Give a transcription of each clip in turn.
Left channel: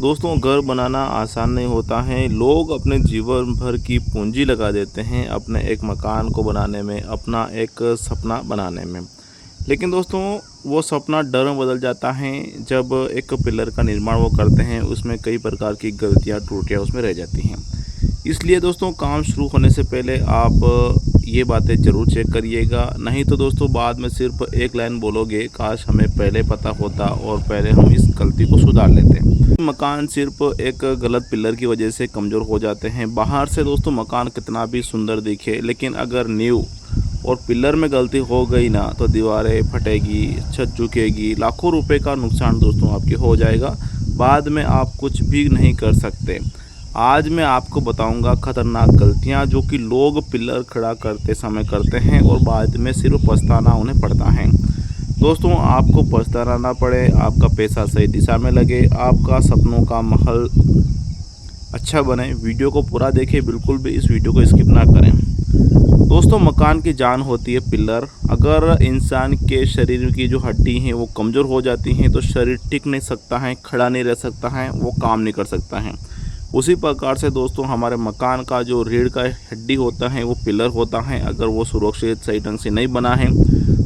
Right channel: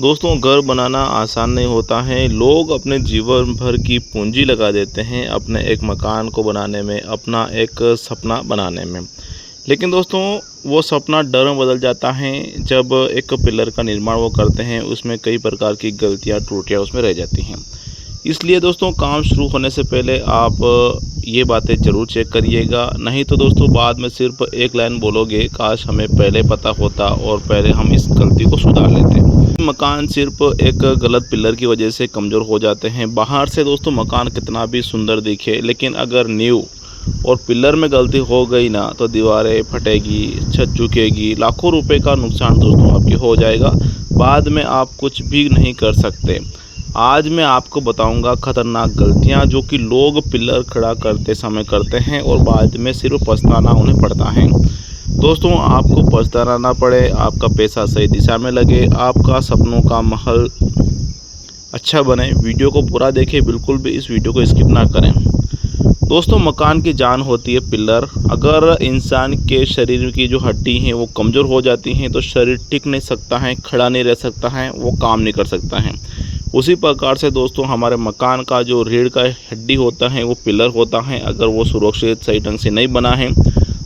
दोस्तों, घर बनाना आसान नहीं होता है। लोग अपने जीवन भर की पूंजी लगा देते हैं अपने एक मकान को बनाने में, अपना एक सपना बनाने में। लेकिन दोस्तों, वो सपना डर में बदल जाता है जब एक पिलर का निर्माण वो करते हैं, उसमें कई प्रकार की गलतियां त्रुटियां उसमें रह जाती हैं। इसलिए दोस्तों, काम शुरू होने से पहले आप ये बातें ज़रूर चेक करिएगा। नहीं तो दोस्तों, बाद में सिर्फ एक लाइन बोलोगे, काश हमें पहले पता होता और पहले हम इस गलती को सुधार लेते। मकान सिर्फ एक गलत पिलर की वजह से कमज़ोर हो जाते हैं। बाहर से दोस्तों मकान कितना भी सुंदर दिखे, लेकिन अगर नींव और पिलर में गलती हो गई ना, तो दीवारें फटेगी, छत झुकेगी, लाखों रुपए का नुकसान दोस्तों आपकी हो जाएगा। बाद में आप कुछ भी नहीं कर सकते। आज मैं आपको बताऊंगा खतरनाक गलतियां जो कि लोग पिलर खड़ा करते समय करते हैं और बाद में सिर्फ पछताना उन्हें पड़ता है। दोस्तों, आपको पछताना ना पड़े, आपका पैसा सही दिशा में लगे, आपका सपनों का महल अच्छा बने। वीडियो को पूरा देखें, बिल्कुल भी इस वीडियो को स्किप ना करें। दोस्तों, मकान की जान होती है पिलर। अगर इंसान के शरीर की जो हड्डी हैं वो कमज़ोर हो जाती हैं तो शरीर टिक नहीं सकता है, खड़ा नहीं रह सकता है, वो काम नहीं कर सकता है। उसी प्रकार से दोस्तों, हमारे मकान का जो रीढ़ का हड्डी होता है वो पिलर होता है। अगर वो सुरक्षित सही ढंग से नहीं बना है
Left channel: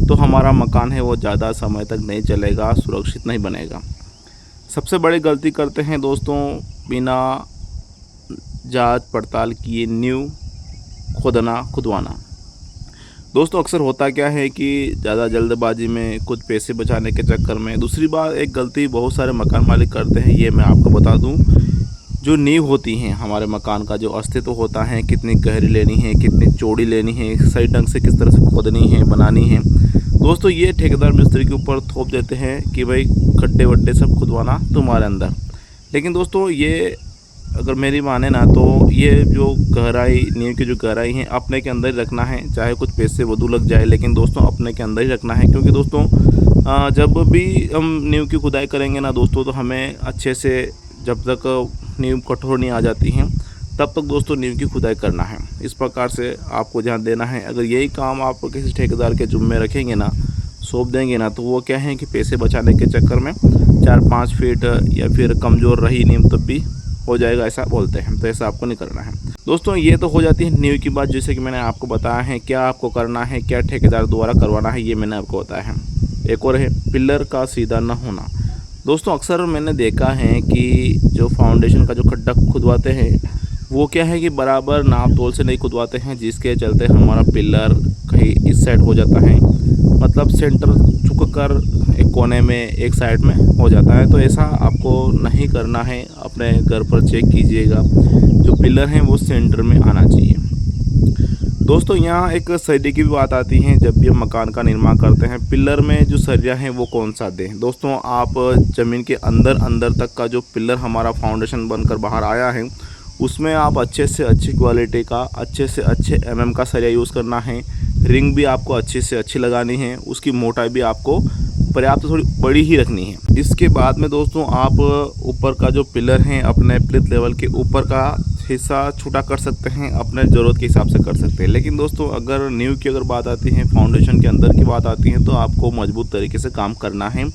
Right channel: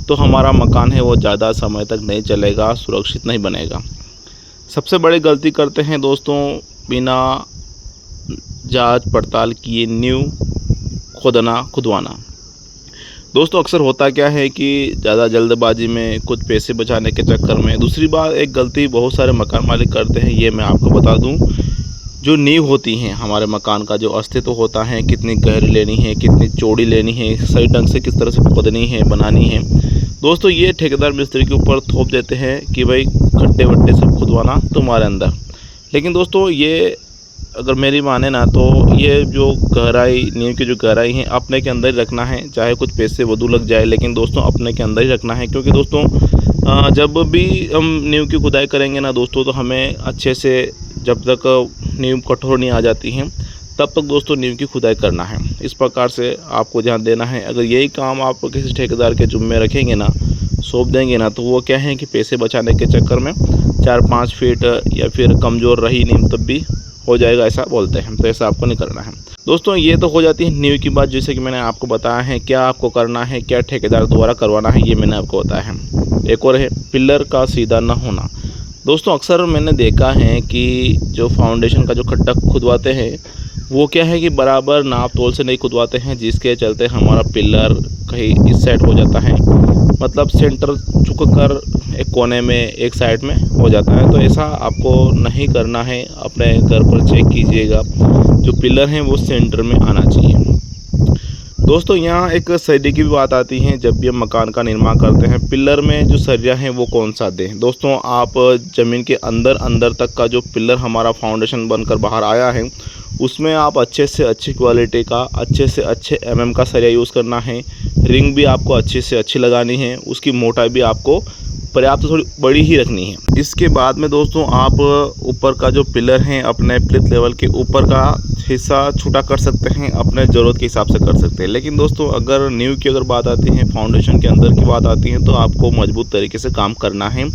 तो हमारा मकान है वो ज़्यादा समय तक नहीं चलेगा, सुरक्षित नहीं बनेगा। सबसे बड़ी गलती करते हैं दोस्तों, बिना जांच पड़ताल किए नींव खुदवाना। दोस्तों, अक्सर होता क्या है कि ज़्यादा जल्दबाजी में, कुछ पैसे बचाने के चक्कर में। दूसरी बात, एक गलती बहुत सारे मकान मालिक करते हैं, ये मैं आपको बता दूं। जो नींव होती हैं हमारे मकान का, जो अस्तित्व होता है, कितनी गहरी लेनी है, कितनी चौड़ी लेनी है, सही ढंग से किस तरह से खोदनी है, बनानी है, दोस्तों ये ठेकेदार मिस्त्री के ऊपर थोप देते हैं कि भाई खड्डे वड्डे सब खुदवाना तुम्हारे अंदर। लेकिन दोस्तों, ये अगर मेरी माने ना, तो ये जो गहराई, नींव की जो गहराई है अपने के अंदर ही रखना है। चाहे कुछ पैसे वधू लग जाए, लेकिन दोस्तों अपने के अंदर ही रखना है। क्योंकि दोस्तों, जब भी हम नींव की खुदाई करेंगे ना दोस्तों, तो हमें अच्छे से, जब तक नींव कठोर नहीं आ जाती हैं तब तक दोस्तों नींव की खुदाई करना है। इस प्रकार से आपको ध्यान देना है। अगर यही काम आप किसी ठेकेदार के जुम्मे रखेंगे ना, सौंप देंगे ना, तो वो क्या है कि पैसे बचाने के चक्कर में 4-5 फीट या फिर कमज़ोर रही नींव तब भी हो जाएगा, ऐसा बोलते हैं। तो ऐसा आपको नहीं करना है दोस्तों। ये तो हो जाती है नींव की बात, जैसे कि मैंने आपको बताया है क्या आपको करना है, क्या ठेकेदार द्वारा करवाना है, ये मैंने आपको बताया है। एक और है पिलर का सीधा न होना। दोस्तों, अक्सर मैंने देखा है कि जो फाउंडेशन का जो खड्डा खुदवाते हैं वो क्या है कि बराबर नाप तोल से नहीं खुदवाते हैं, जिसके चलते हमारा पिलर कहीं इस साइड हो जाता है, मतलब सेंटर झुक कर एक कोने में, एक साइड में हो जाता है। तो ऐसा आपको नहीं करना है। अपने घर पर चेक कीजिएगा, जो पिलर हैं वो सेंटर में आना चाहिए। दोस्तों, यहाँ एक सरिये की भी बात आती है। जब भी हम मकान का निर्माण करते हैं, पिलर में जो सरिया है वो कौन सा दें। दोस्तों, आप ज़मीन के अंदर तक का जो पिलर हमारा फाउंडेशन बनकर बाहर आया है, उसमें आप अच्छे से अच्छी क्वालिटी का, अच्छे से अच्छे mm का सरिया यूज़ करना है। रिंग भी आपको अच्छी से अच्छी लगानी है। उसकी मोटाई भी आपको पर्याप्त थोड़ी बड़ी ही रखनी है। इसके बाद में दोस्तों, आप ऊपर का जो पिलर है, अपने प्लिथ लेवल के ऊपर का हिस्सा छोटा कर सकते हैं, अपने ज़रूरत के हिसाब से कर सकते हैं। लेकिन दोस्तों, अगर नींव की अगर बात आती है, फाउंडेशन के अंदर की बात आती है, तो आपको मजबूत तरीके से काम करना है।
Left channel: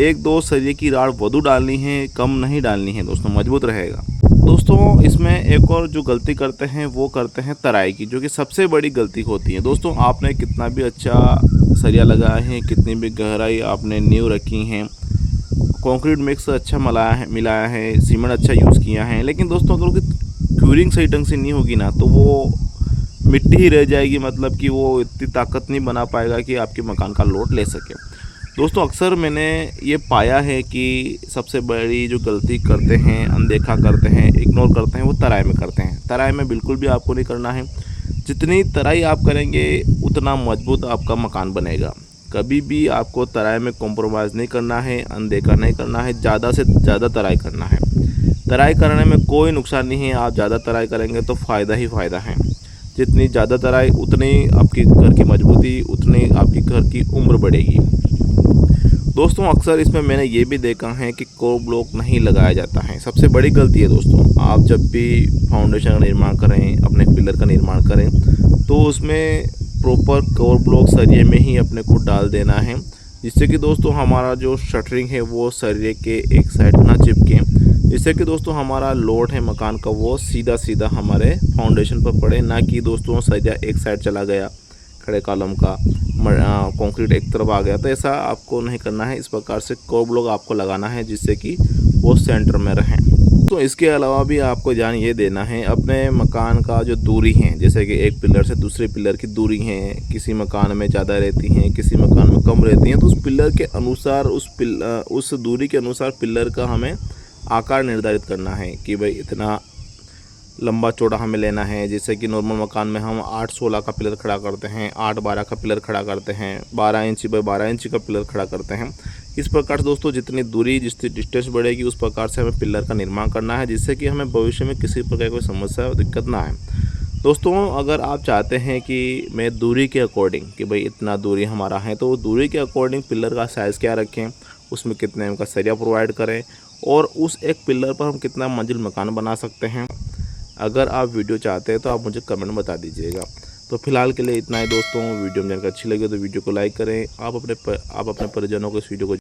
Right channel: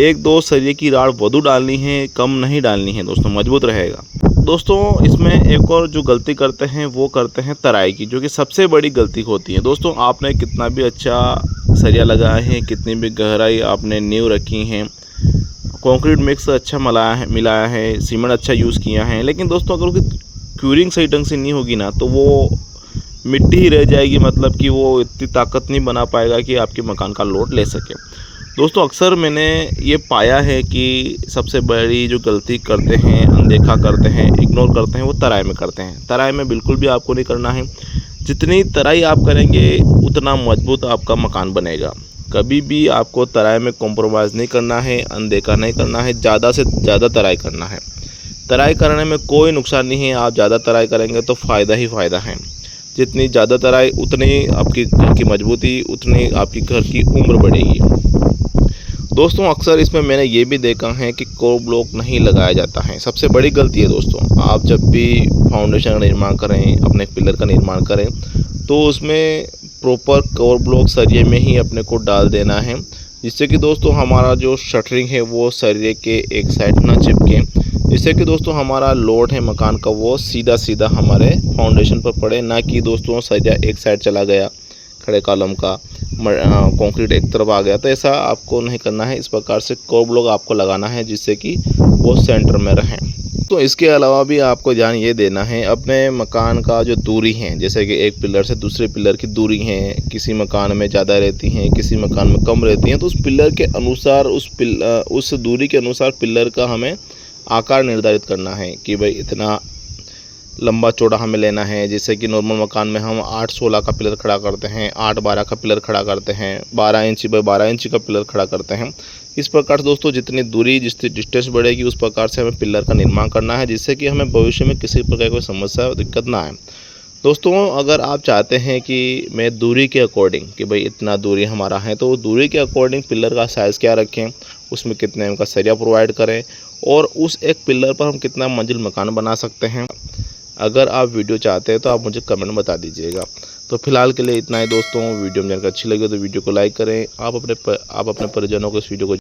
1-2 सरिये की राड वधू डालनी है, कम नहीं डालनी है दोस्तों, मजबूत रहेगा। दोस्तों, इसमें एक और जो गलती करते हैं वो करते हैं तराई की, जो कि सबसे बड़ी गलती होती है। दोस्तों, आपने कितना भी अच्छा सरिया लगाया है, कितनी भी गहराई आपने नींव रखी है, कंक्रीट मिक्स अच्छा मिलाया है, सीमेंट अच्छा यूज़ किया है, लेकिन दोस्तों अगर उसकी क्यूरिंग सही ढंग से नहीं होगी ना, तो वो मिट्टी ही रह जाएगी। मतलब कि वो इतनी ताकत नहीं बना पाएगा कि आपके मकान का लोड ले सके। दोस्तों, अक्सर मैंने ये पाया है कि सबसे बड़ी जो गलती करते हैं, अनदेखा करते हैं, इग्नोर करते हैं, वो तराई में करते हैं। तराई में बिल्कुल भी आपको नहीं करना है। जितनी तराई आप करेंगे उतना मजबूत आपका मकान बनेगा। कभी भी आपको तराई में कॉम्प्रोमाइज़ नहीं करना है, अनदेखा नहीं करना है, ज़्यादा से ज़्यादा तराई करना है। तराई करने में कोई नुकसान नहीं है। आप ज़्यादा तराई करेंगे तो फ़ायदा ही फ़ायदा है। जितनी ज़्यादा तराई, उतनी आपकी घर की मजबूती, उतनी आपकी घर की उम्र बढ़ेगी। दोस्तों, अक्सर इसमें मैंने ये भी देखा है कि कोर ब्लॉक नहीं लगाया जाता है। सबसे बड़ी गलती है दोस्तों। आप जब भी फाउंडेशन का निर्माण करें, अपने पिलर का निर्माण करें, तो उसमें प्रॉपर कोर ब्लॉक सरिये में ही अपने को डाल देना है, जिससे कि दोस्तों हमारा जो शटरिंग है वो सरिये के एक साइड ना चिपके, जिससे कि दोस्तों हमारा लोड है मकान का वो सीधा सीधा हमारे फाउंडेशन पर पड़े, ना कि दोस्तों सरिया एक साइड चला गया, खड़े कॉलम का कंक्रीट एक तरफ आ गया। तो ऐसा आपको नहीं करना है। इस प्रकार से कोर ब्लॉक आपको लगाना है जिससे कि वो सेंटर में रहें। तो इसके अलावा भी आपको ध्यान ये देना है अपने मकान का जो दूरी है, जैसे कि एक पिलर से दूसरे पिलर की दूरी है, किसी मकान में ज़्यादा रहती हैं, किसी मकान में कम रहती हैं। तो उस पिलर के अनुसार उस दूरी के अनुसार पिलर का हमें आकार निर्धारित करना है कि भाई इतना लंबा चौड़ा हमें लेना है। जैसे कि नॉर्मल मकान में हम 8-16 का पिलर खड़ा करते हैं, 8-12 का पिलर खड़ा करते हैं, 12 इंच बाय 12 इंच का पिलर खड़ा करते हैं। इस प्रकार से दोस्तों जितनी दूरी जितनी डिस्टेंस बढ़ेगी उस प्रकार से हमें पिलर का निर्माण करना है, जिससे कि हमें भविष्य में किसी प्रकार की समस्या और दिक्कत ना आए। दोस्तों अगर आप चाहते हैं कि मैं दूरी के अकॉर्डिंग कि भाई इतना दूरी हमारा है, तो दूरी के अकॉर्डिंग पिलर का साइज़ क्या रखें, उसमें कितने एम का सरिया प्रोवाइड करें और उस एक पिलर पर हम कितना मंजिल मकान बना सकते हैं। अगर आप वीडियो चाहते हैं तो आप मुझे कमेंट में बता दीजिएगा। तो फिलहाल के लिए इतना ही दोस्तों। वीडियो में जानकारी अच्छी लगी तो वीडियो को लाइक करें। आप अपने परिजनों को इस वीडियो को